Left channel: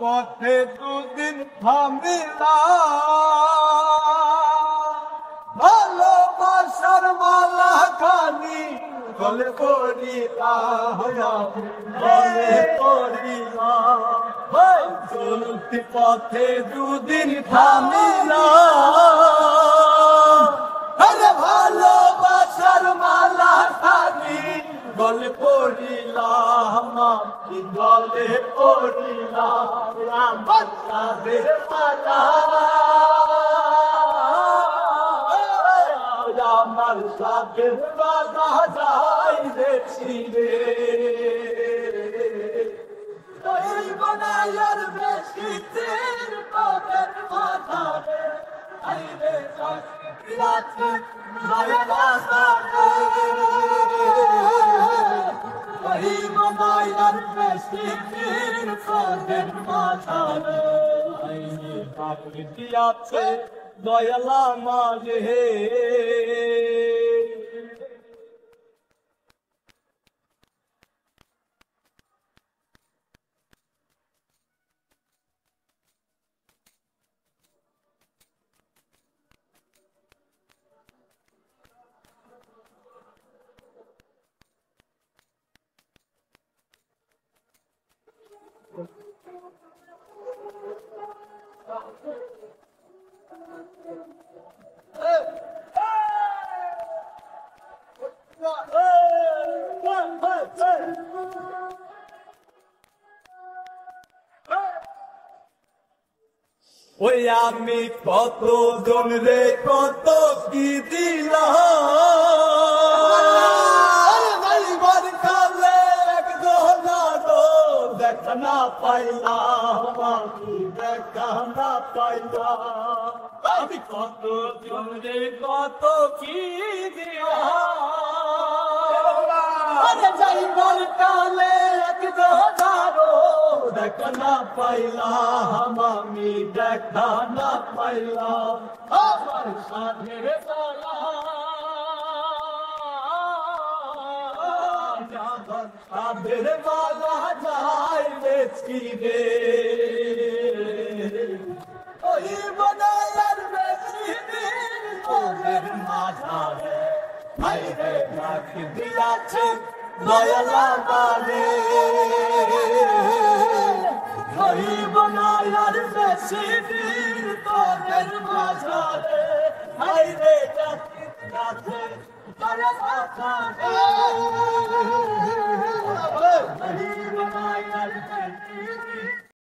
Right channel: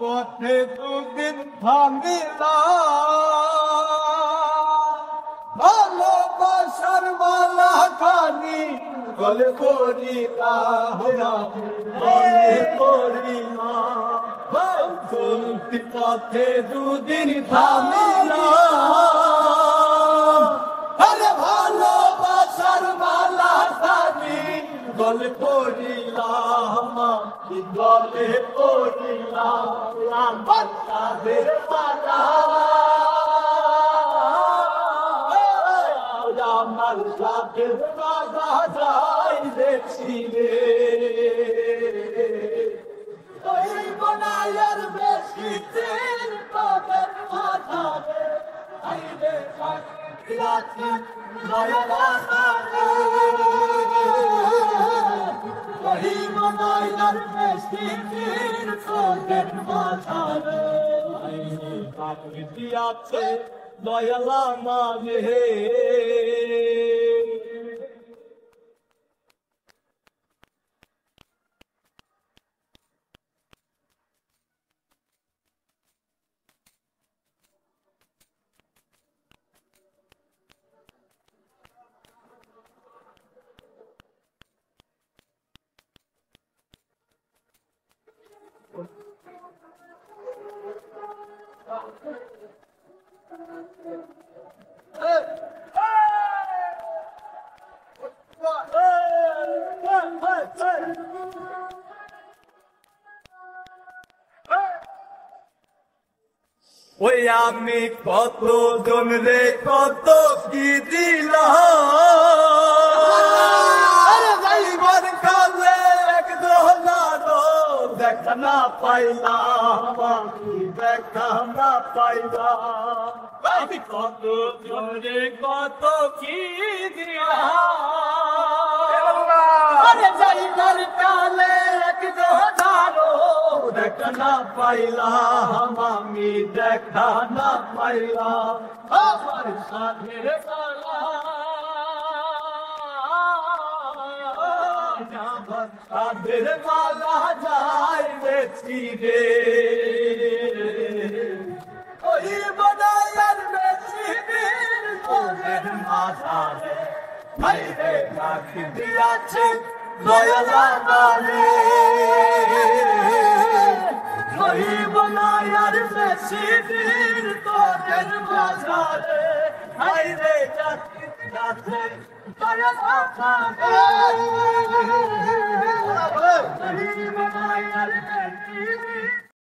পথে দুদিন থামিলা ভালোবাসার মালা খানি গলে পড়িলা গলে পড়িলা চলতি পথে দুদিন থামিলা আরে ভালোবাসার মালা খানি গলে পড়িলা গলে পড়িলা বাচ্চাদের মালা আমার সাথে বাধা যাইছি রে ওই বনায়ার বেশি দিন তোদের মাথা রে আইরে সাথে মায়না সাথে ওই বনায়ার বেশি দিন তোদের মাথা রে আইরে সাথে আছে দয়ালা মাঝে ওই আমি কত জন রে কত কি দিলাম যাইবার কালে এক দোলারো দেখা না পাইলাম আমি দেখা না পাইলাম আমি কত জন রে কত কি দিলাম আরে যাইবার কালে এক দোলারো দেখা না পাইলাম আমি দেখা না পাইলাম আমার সাথের সাধের মালা যাই বেছি রে ওই বনায়ার বেছি দিন তোদের মাঝারে ভাইরে রাখি দিয়াছে দয়ালা বারে ওই বনায়ার বেশি দিন তোদের মাঝারে ভাইরে রাখি দিয়াছে দয়ালা বারে ওই বনায়ার